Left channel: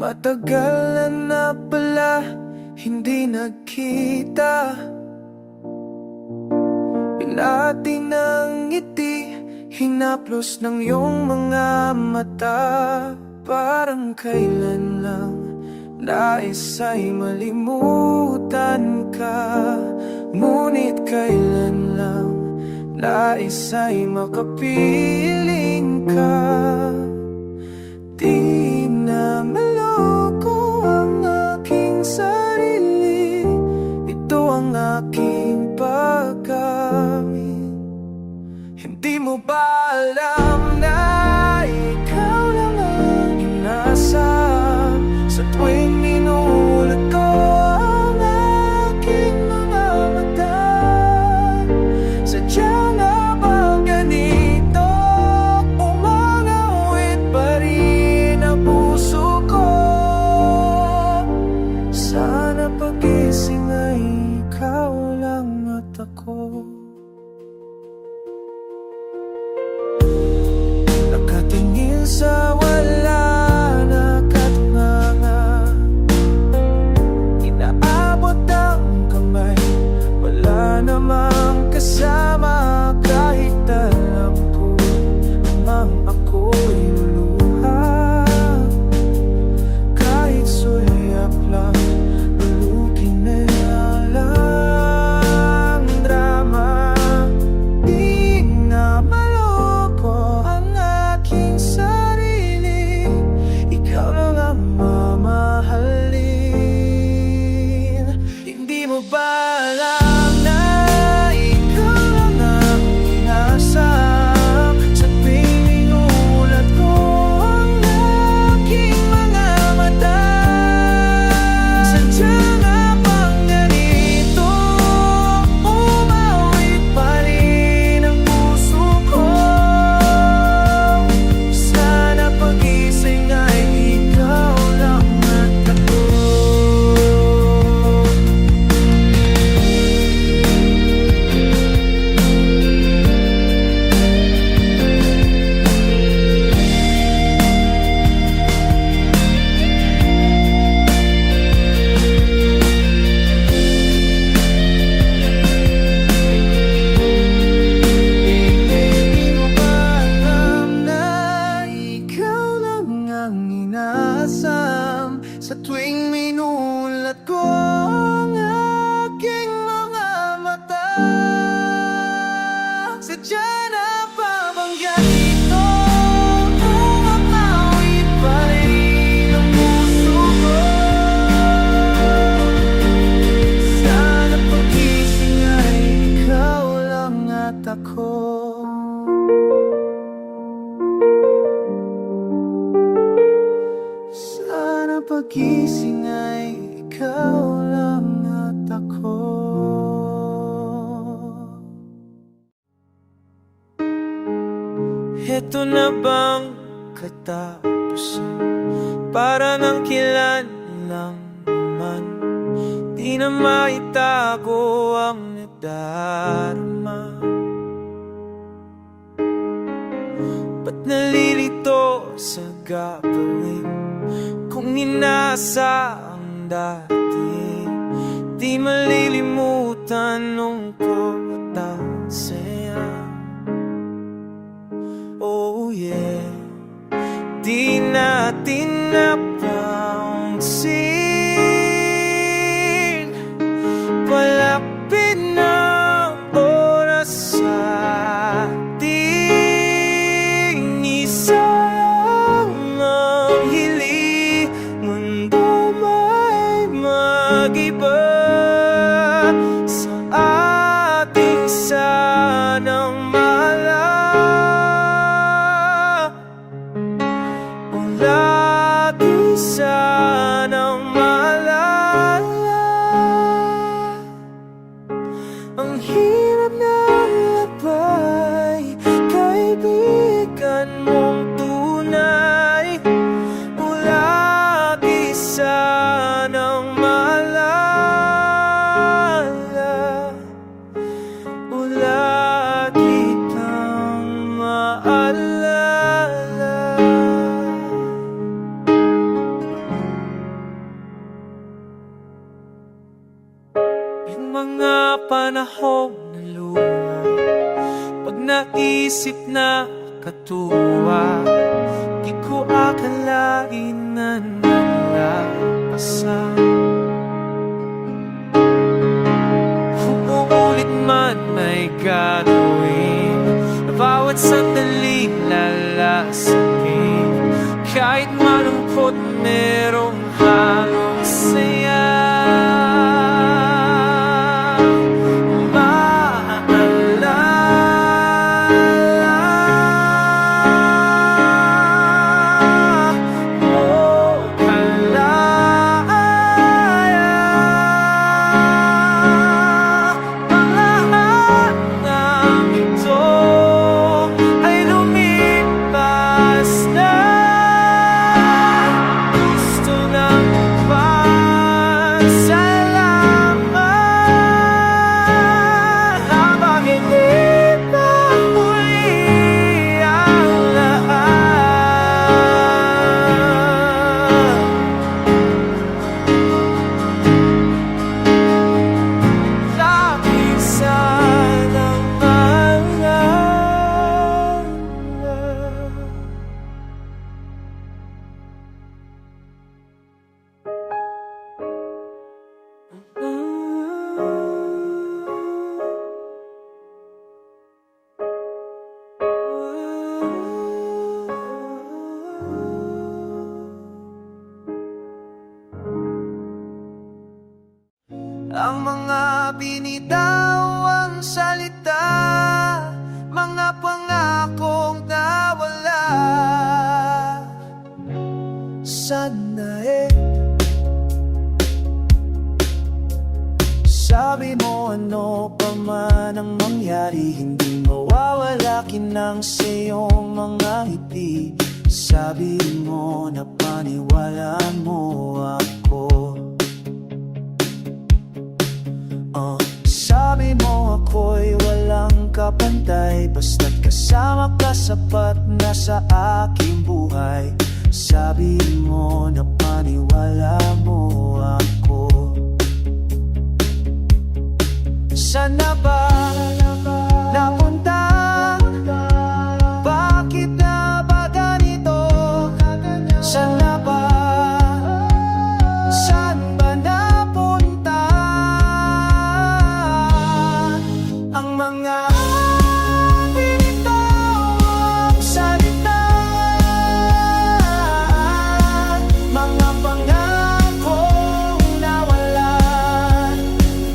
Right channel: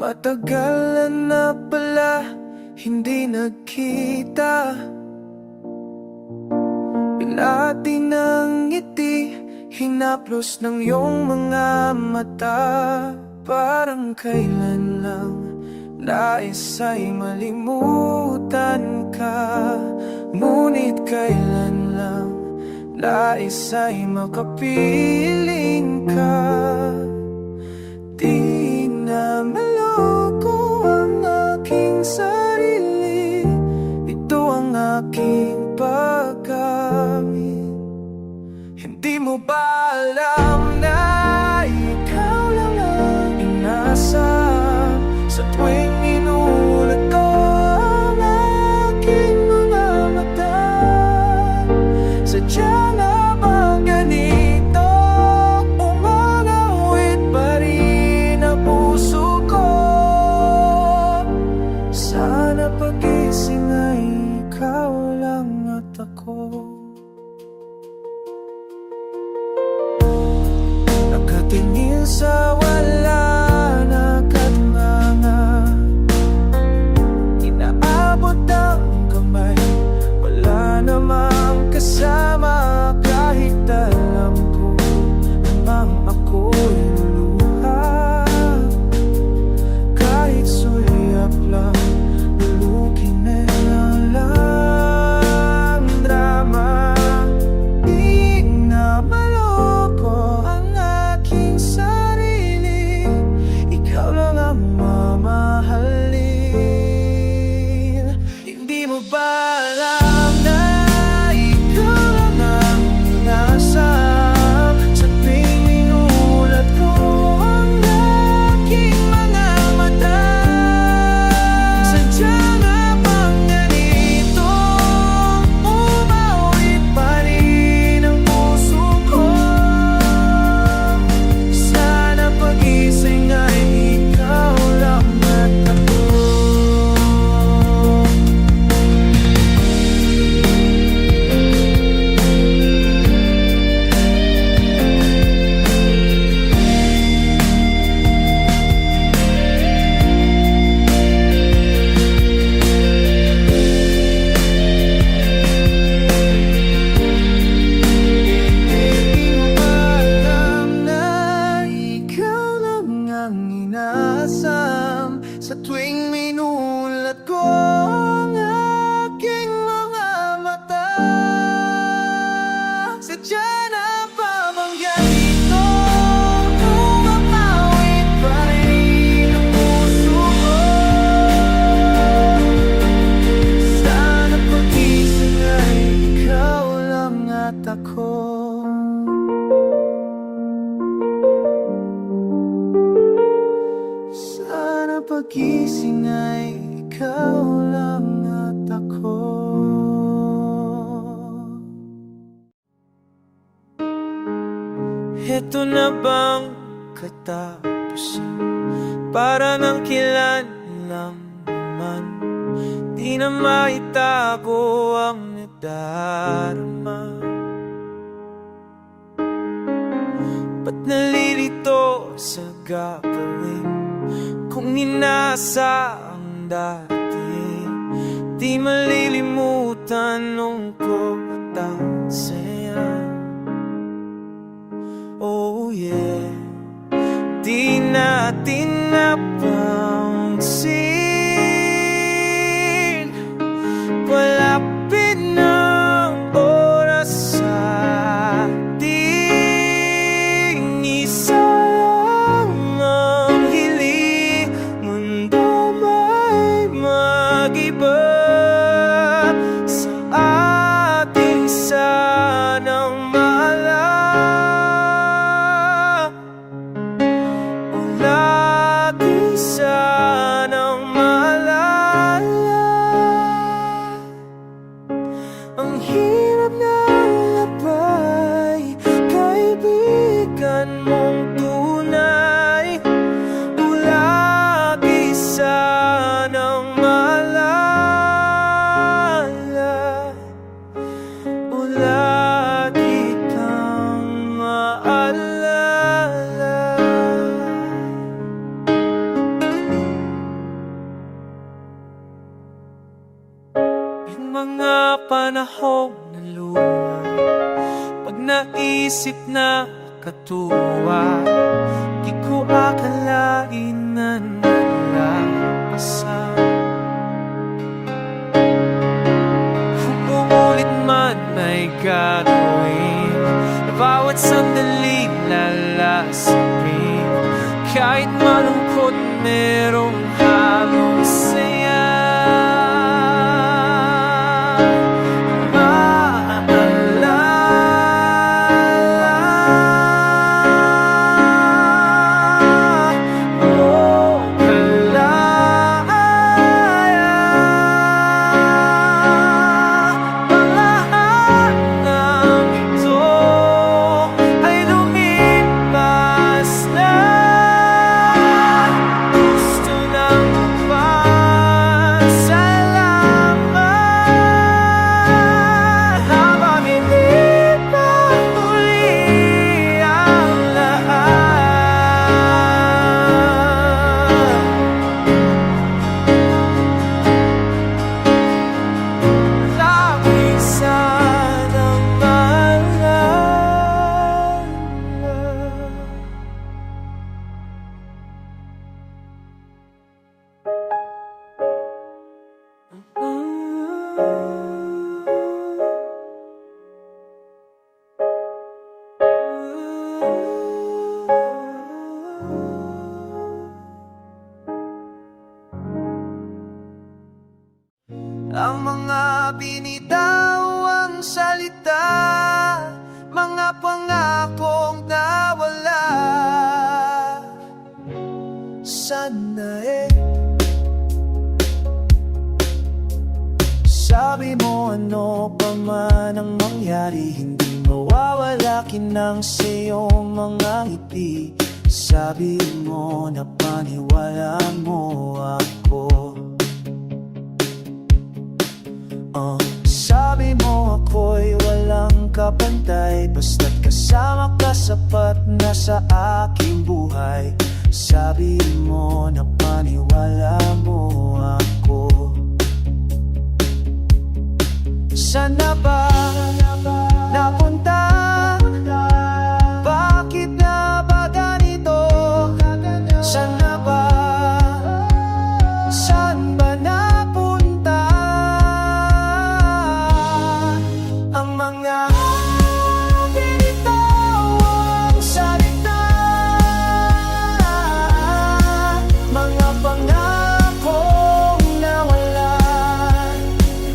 Matagal na pala hindi nagkita. Binati ng ngiti, hinaplos ng iyong mga mata. Parang kailan lang nais ay malimutan ka. Ngunit kailan lang nais ay makapiling ka. Di na maloko ang aking sarili, ito ang aking pagkamit. Hindi mo ba alam na ikaw lang ang inasam sa tuwing minulat ko ang aking mga mata? Sadya nga bang ganito? Umangawit pa rin ang puso ko. Sana pagising ay ikaw lang at ako. Nakatingin sa wala, nakatunganga, inaabot ang kamay, wala namang kasama. Kahit alam ko namang ako'y luluha, kahit sulyap lang, lulukin na lang drama. Di na maloko ang aking sarili, ikaw lang ang mamahalin. Hindi mo ba alam na ikaw lang ang inasam sa tuwing minulat ko ang aking mga mata? Sadya nga bang ganito? Umawit pa rin ang puso ko. Sana pagising ay ikaw lang at ako. Di mo ba alam na ikaw lang ang inaasam sa tuwing minulat ko ang aking mga mata? Sadya na ba bang ganito? Umapawit pa rin ang puso ko. Sana pagising ay ikaw lang at ako. Sana pagising ay ikaw lang at ako. Heto na bang katapusan? Para nang kailan lang naman, di na maitago ang nadarama. Ba't nalilito sa gagawin kung inasa ang dati? Di malilimutan nung ko at ang saya. Oh yeah, di natin napansin, palapit ng oras sa ating isayang ang hili. Mundo may mag-iba sa ating sanang maalala. O lagi sanang maalala ang hirap ng labay, kaibigan mong tunay. O lagi sanang maalala, o lagi kang maalala. mga panahon na luma, pag naisip na katuwa, di ko akalain na nalapasan. Uulit man may gagawin, na bawat sandaling lalasapin. Kahit malungkot merong halong saya. Ang mga binitawang salita, mga pangakong nawala. Sana sabi mo ano pa man ang mangyari, hindi mawawala kinang sa iyong mga ngiti. Sabi mo na paniwala mo ako. Sabi mo ako'y walang kapantay, basta't kasama ka sapat na sa aking buhay. Sabi mo na paniwala mo ako. Sana ba napunta? Bakit na ba ganito? Sana ba? Saan ba napunta ang mga binitawang salita, mga pangakong nawala?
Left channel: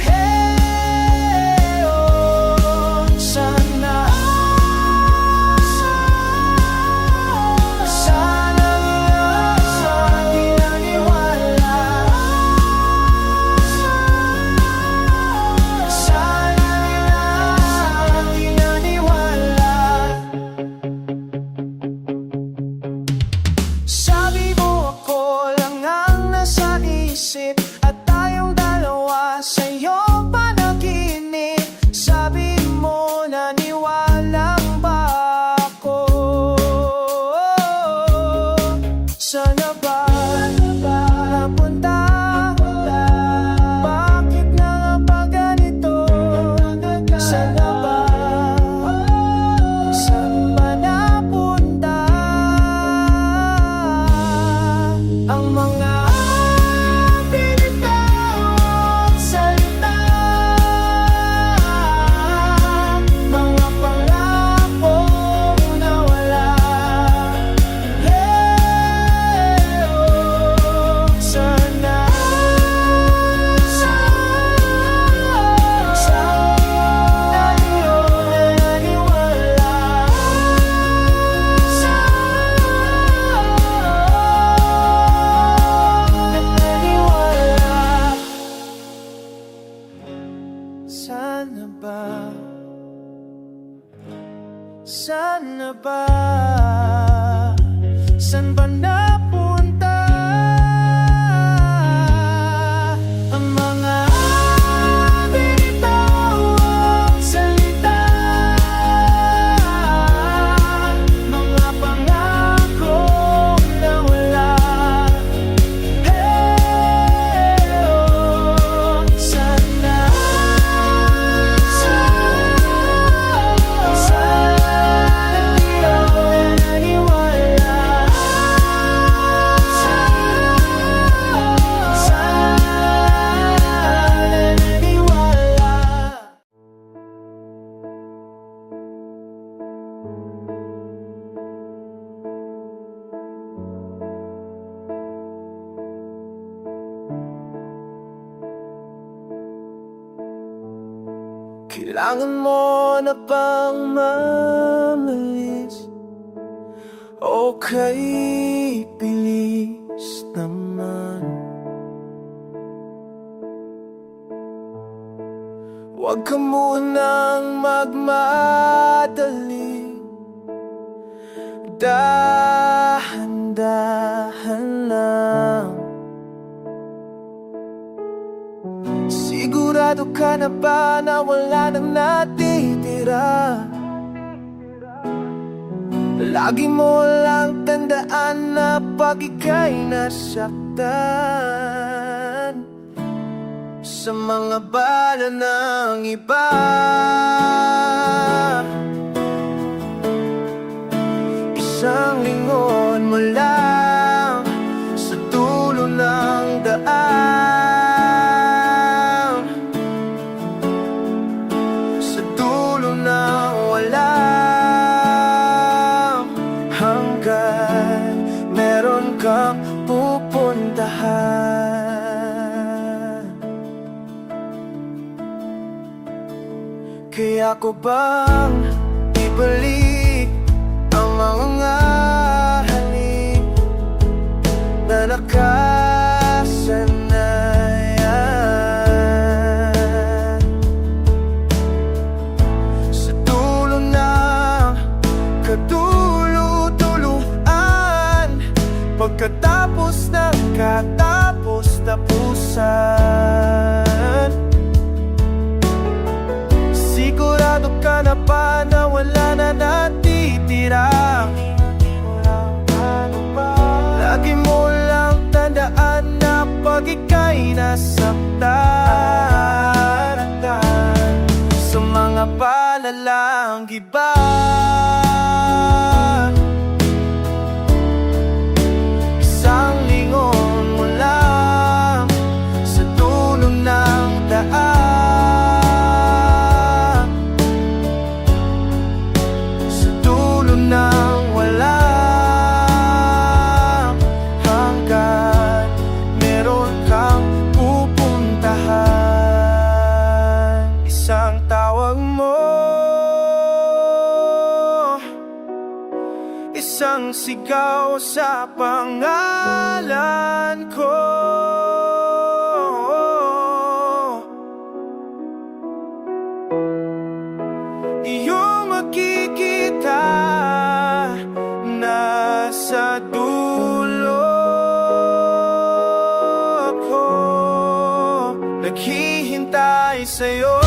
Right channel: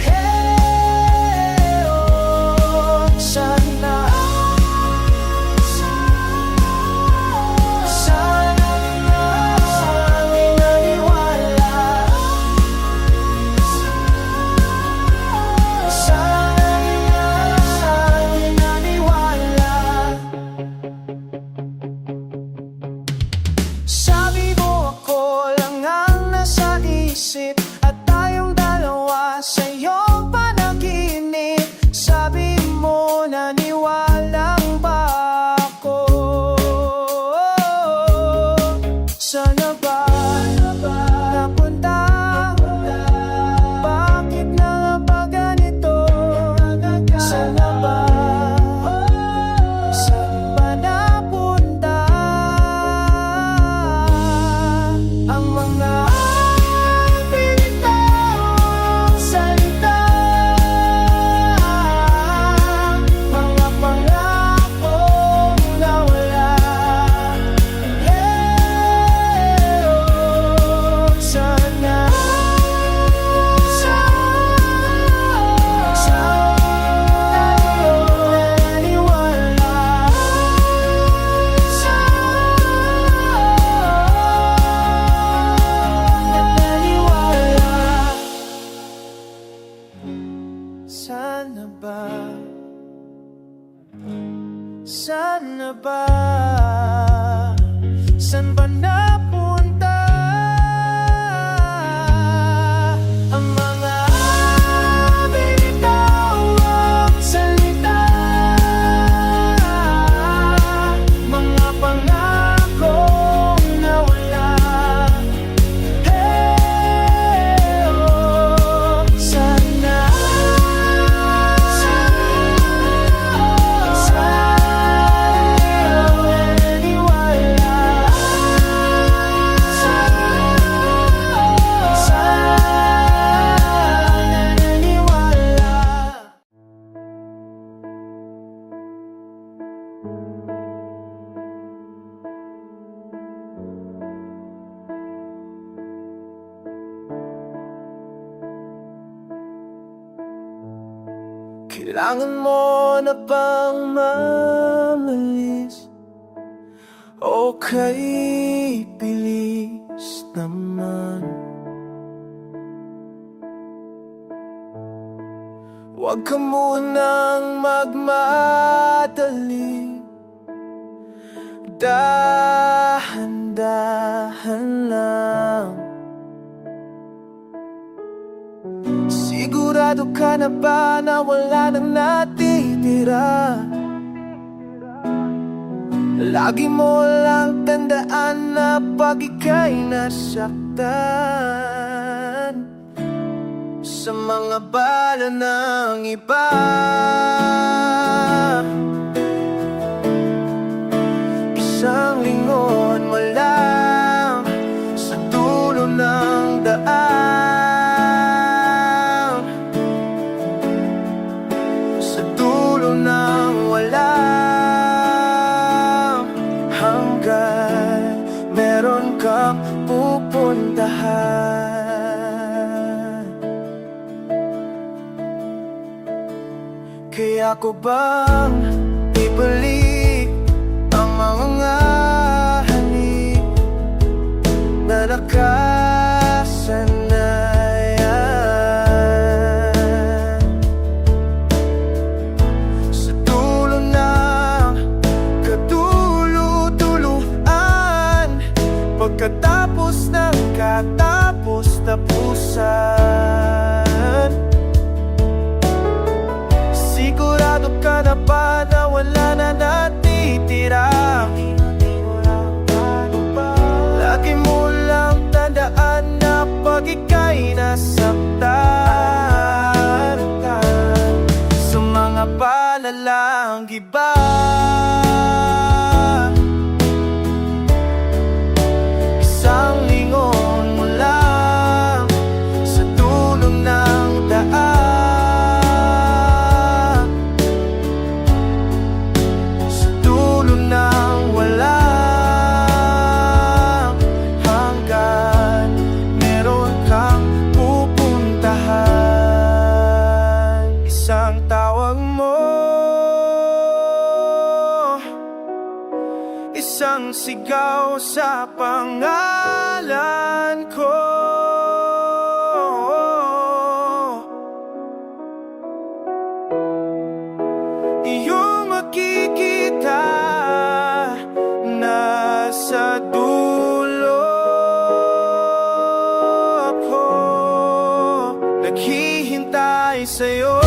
Hey, oh, sana inaniwala, sabi mo ako lang ang nasa isip, at tayong dalawa sa iyong panaginip. Sabi mo naniwalang ba ako? Sana ba napunta? Bakit na ba ganito? Sana ba? Saan ba napunta ang mga binitawang salita, mga pangakong nawala? Hey, oh, sana sana ba? Sana ba? Saan ba napunta ang mga binitawang salita, mga pangakong nawala? Hey, oh, sana Kailangan mo na bang mamalis? Okay, bilis naman. Huwag ka munang magmadali, dahan-dahan lang. Sigurado ka na ba na wala nang natitira? Lagi mo lang tandaan na pag ika'y nasaktan sa mga bala ng iba, isang lingon mo lang sa dulo ng daan, sa dulo ng walang hanggan, meron kang pupuntahan. Kaya ko bang ibalik ang mga halik na nakasanayan sa dulo ng kadulu-tuluan, pagkatapos ng katapos-tapusan? Sigurado ka na ba na wala na natitira? Lagi mo lang tandaan na pag ika'y nasaktan sa mga palalang iba, isang lingon mo lang sa dulo ng daan, sa dulo ng walang hanggan, meron kang pupuntahan. Isang tawag mo, isang sigaw sa pangalan ko, iyong makikita nasa dulo ko, naghihintay sa'yo.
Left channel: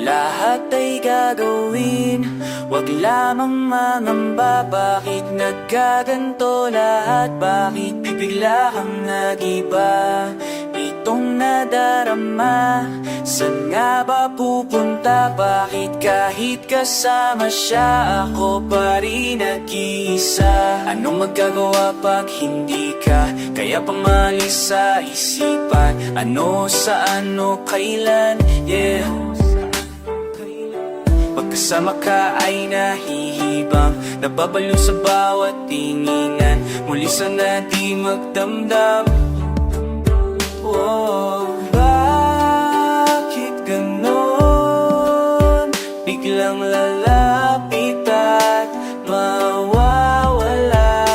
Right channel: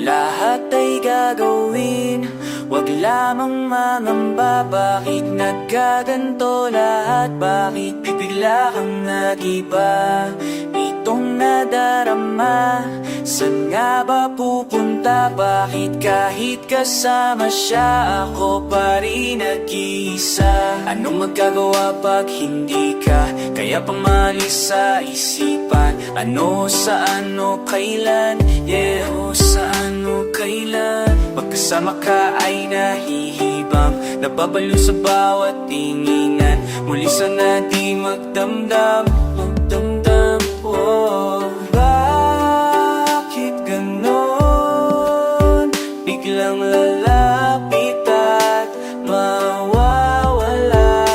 Lahat ay gagawin, wag lamang mangamba. Bakit nagkaganto lahat? Bakit bibigla kang nag-iba? Itong nadarama, saan nga ba pupunta? Bakit kahit kasama siya, ako pa rin nag-iisa? Anong magagawa pag hindi ka? Kaya pamalis sa isipan, ano, saan, o kailan? Yeah, o saan, o kailan? Pagkasama ka ay nahihibang, nababalo sa bawat tinginan. Muli sana di magdamdam, magdamdam, oh. Bakit ganon? Biglang lalapit at mawawala.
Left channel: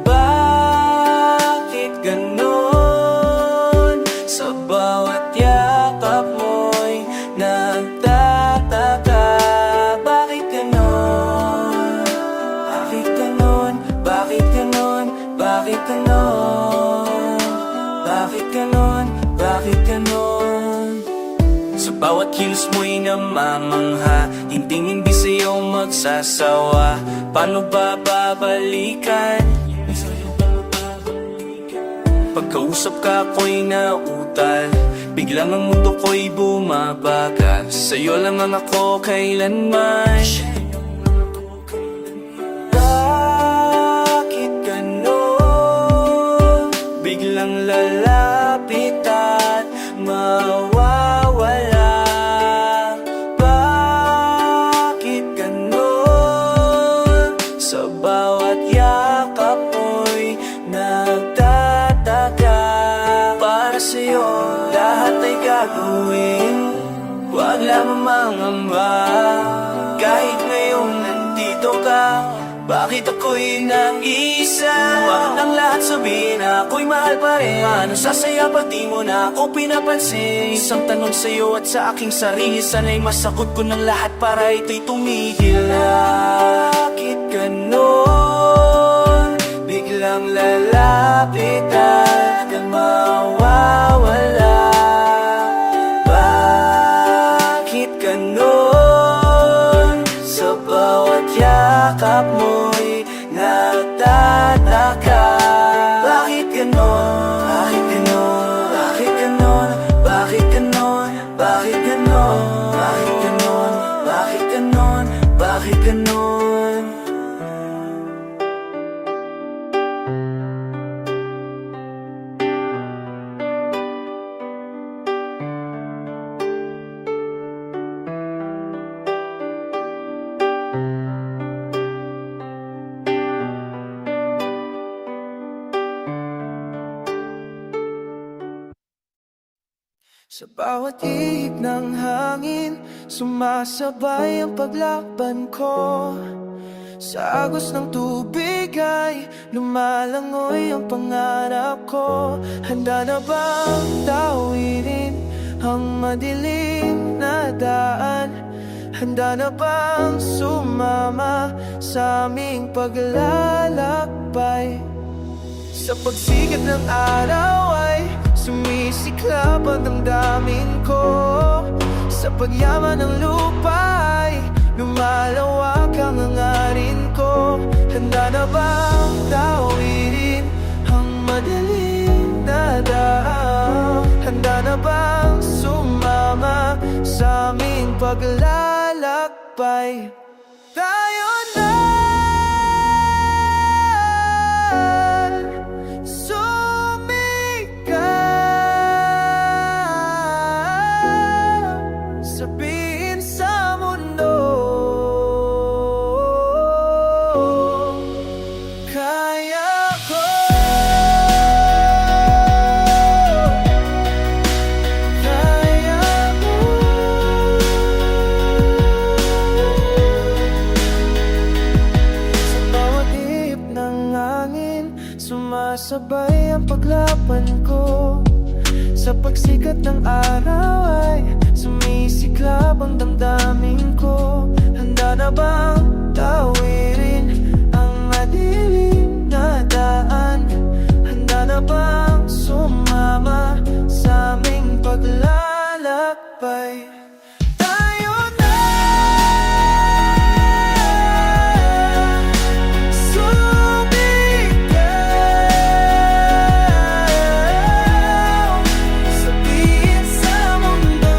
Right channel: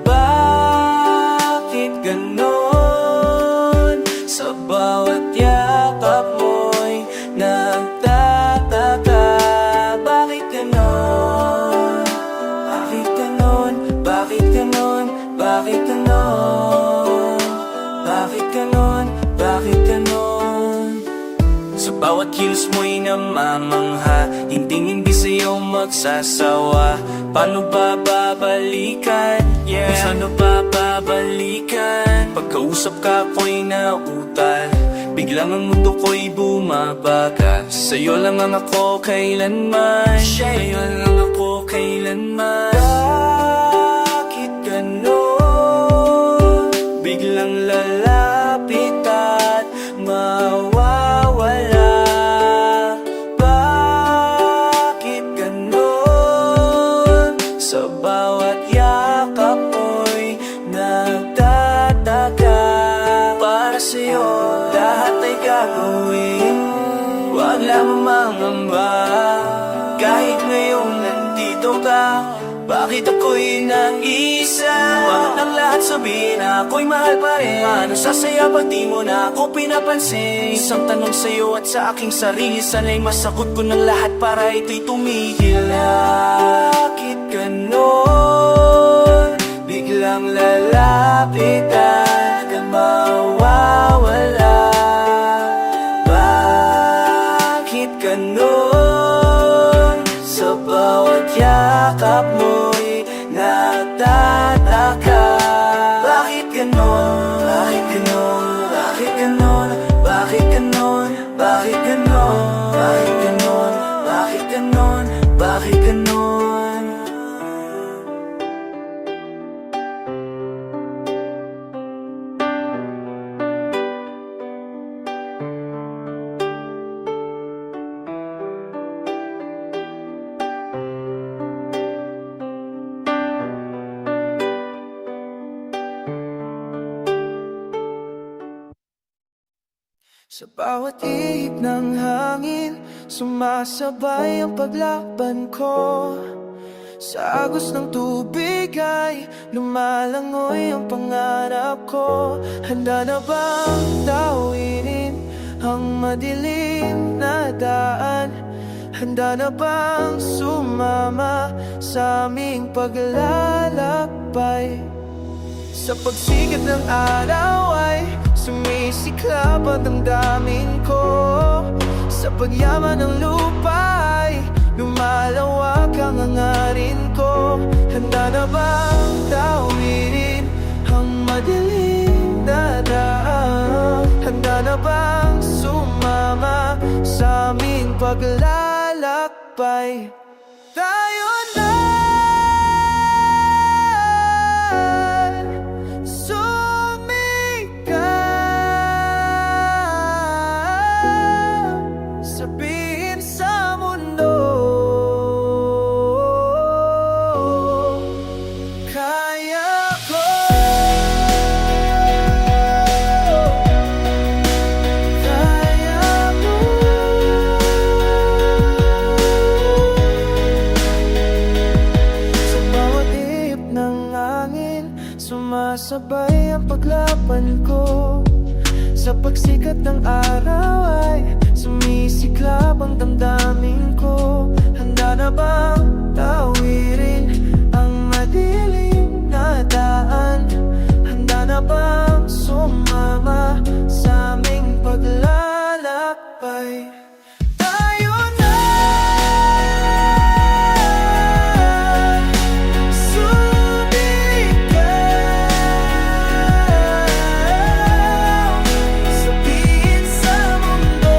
Bakit ganon? Sa bawat yakap mo'y nagtataka. Bakit ganon? Bakit ganon? Bakit bakit ganon? Bakit ganon? Bakit ganon? Sa bawat kilos mo'y namamangha, hindi sa'yo magsasawa. Paano ba babalikan? Paano ba babalikan? Pagkausap ka ko'y nautal, biglang ang mundo ko'y bumabagal. Sa'yo lang ang ako kailanman, sa'yo lang ako kailanman. Bakit ganon? Biglang lalapit at mawawala. Bakit ganon? Sa bawat yakap mo'y nagtataka. Para sa'yo lahat ay gagawin, huwag lamang mangamba. Kahit ngayon nandito ka, bakit ako'y nag-iisa? Huwag ng lahat sabihin na ako'y mahal pa rin. Ano sasaya pag di mo na ako pinapansin? Isang tanong sa'yo at sa aking sarili, sana'y masagot ko ng lahat para ito'y tumigil. Bakit ganon? Biglang lalapit at mawawala. Bakit ganon? Sa bawat yakap mo'y nagtataka. Bakit ganon? Bakit ganon? Bakit ganon? Bakit ganon? Bakit ganon? Bakit ganon? Bakit ganon? Bakit ganon? Sa bawat ihip ng hangin, sumasabay ang paglaban ko. Sa agos ng tubig ay lumalangoy ang pangarap ko. Handa na bang tawirin ang madilim na daan? Handa na bang sumama sa aming paglalakbay? Sa pagsikat ng araw ay sumisiklab ang damdamin ko. Sa pagyaman ng lupa ay lumalawak ang hangarin ko. Handa na bang tawirin ang madilim na daan? Handa na bang sumama sa aming paglalakbay? Tayo na sabihin sa mundo, kaya ko. Kaya ko. Sa bawat ihip ng hangin, sumasabay ang paglaban ko. Sa pagsikat ng araw ay sumisiklab ang damdamin ko. Handa na bang tawirin ang madilim na daan? Handa na bang sumama sa aming paglalakbay? Tayo na sumigaw, sabihin sa mundo,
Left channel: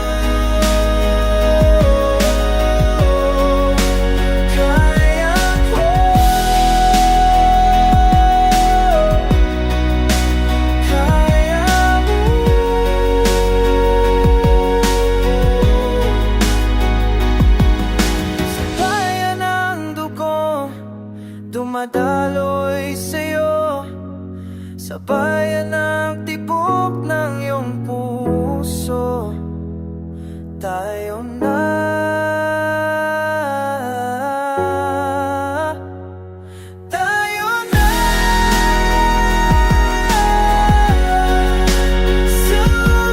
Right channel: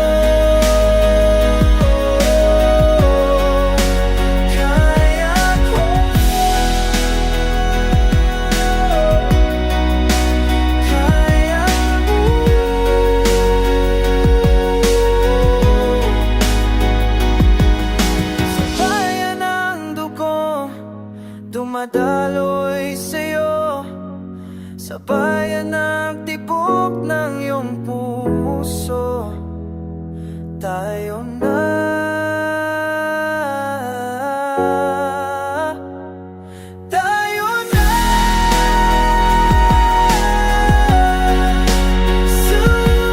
kaya ko. Kaya mo. Sa bayan ng dugo, dumadaloy sa'yo. Sa bayan ng tibok ng iyong puso, tayo na. Tayo na sumigaw,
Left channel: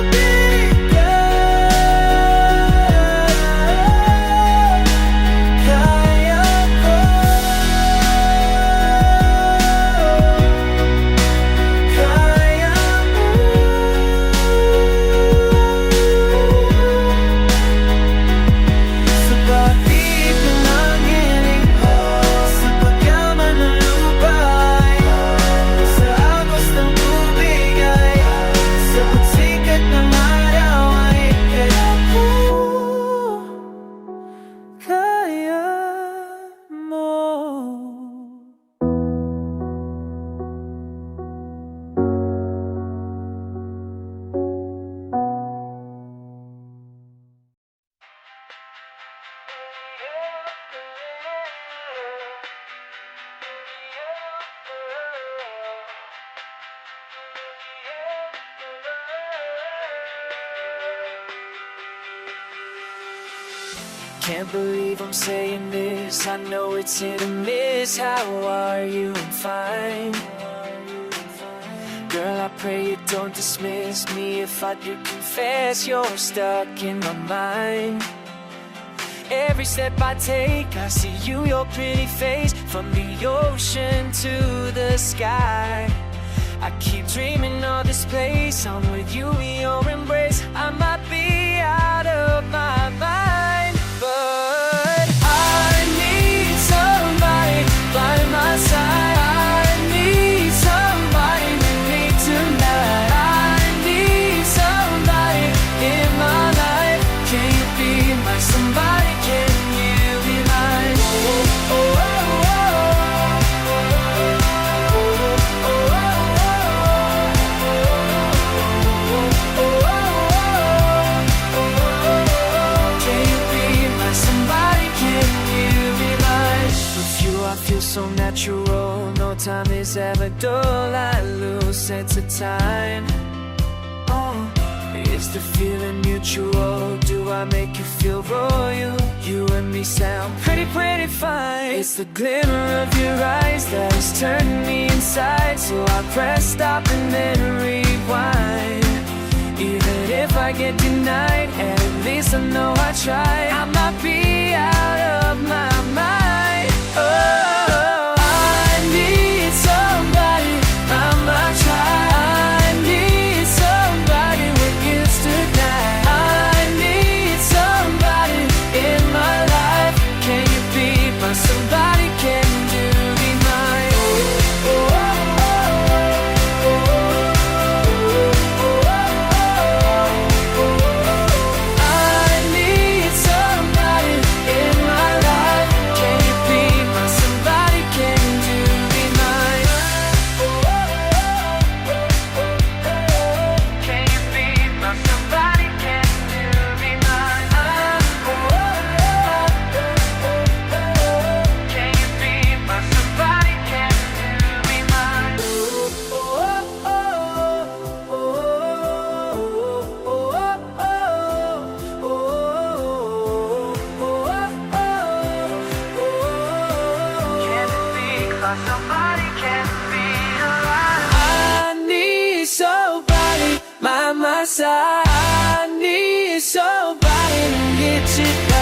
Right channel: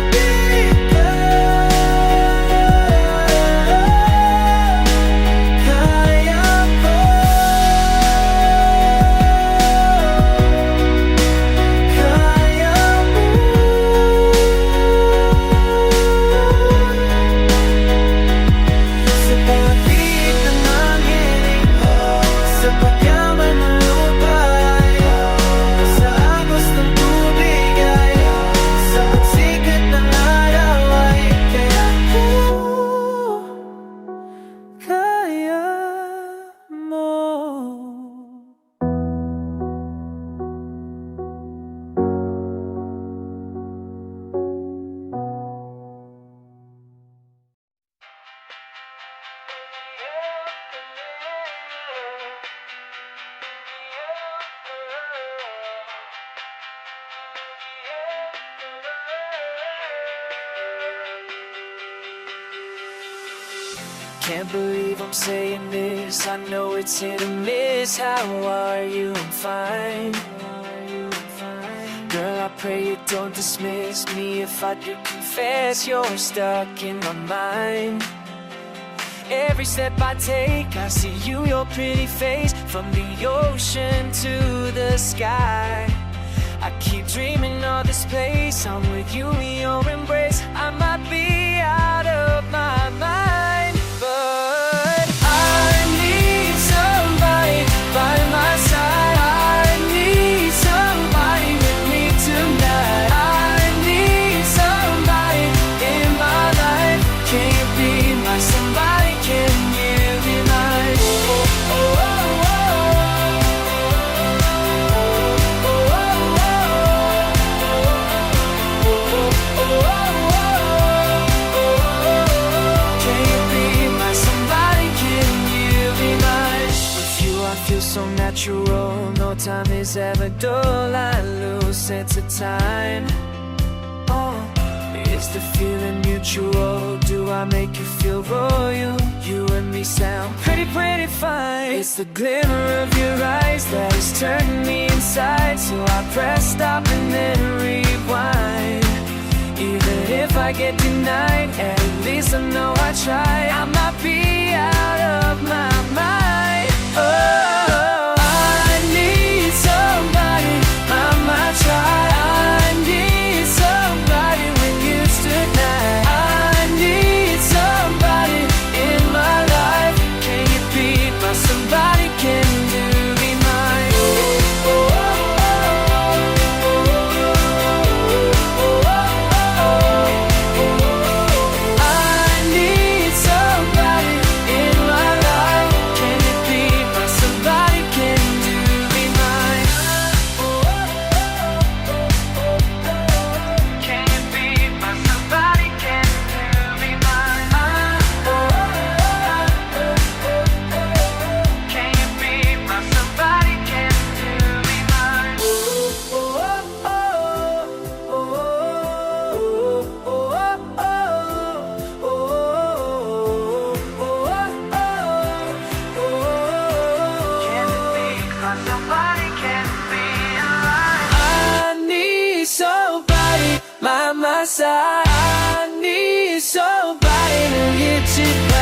kaya ko. Can't believe I'm saying this, I know it's hit or miss. How are you? I'm fine. Girl, I pray you don't dismiss me if I do confess you're stuck in my mind. Every step I take, I see you, your pretty face, from the ocean to the sky. I keep dreaming of this place, I'm with you in your embrace. I might be out of my mind, but I need somebody by my side. I need somebody with me tonight. I need somebody in my life. Can you be my somebody? Can you be mine? Oh, oh, oh, I feel so natural, no time is ever dull. I lose sense of time. Oh, is the feeling mutual? Do I make you feel royal? You and me sound pretty fine. It's the glimmer of your eyes that is turning me inside. So I press stop and then rewind. Even if I get denied, at least I know I tried. I might be out of my mind. Oh, I need somebody, I might try. I need somebody with you tonight. I need somebody in my life. Can you be my somebody? Can you be mine? Somebody can be alive. I need somebody by my side. I need somebody to get you.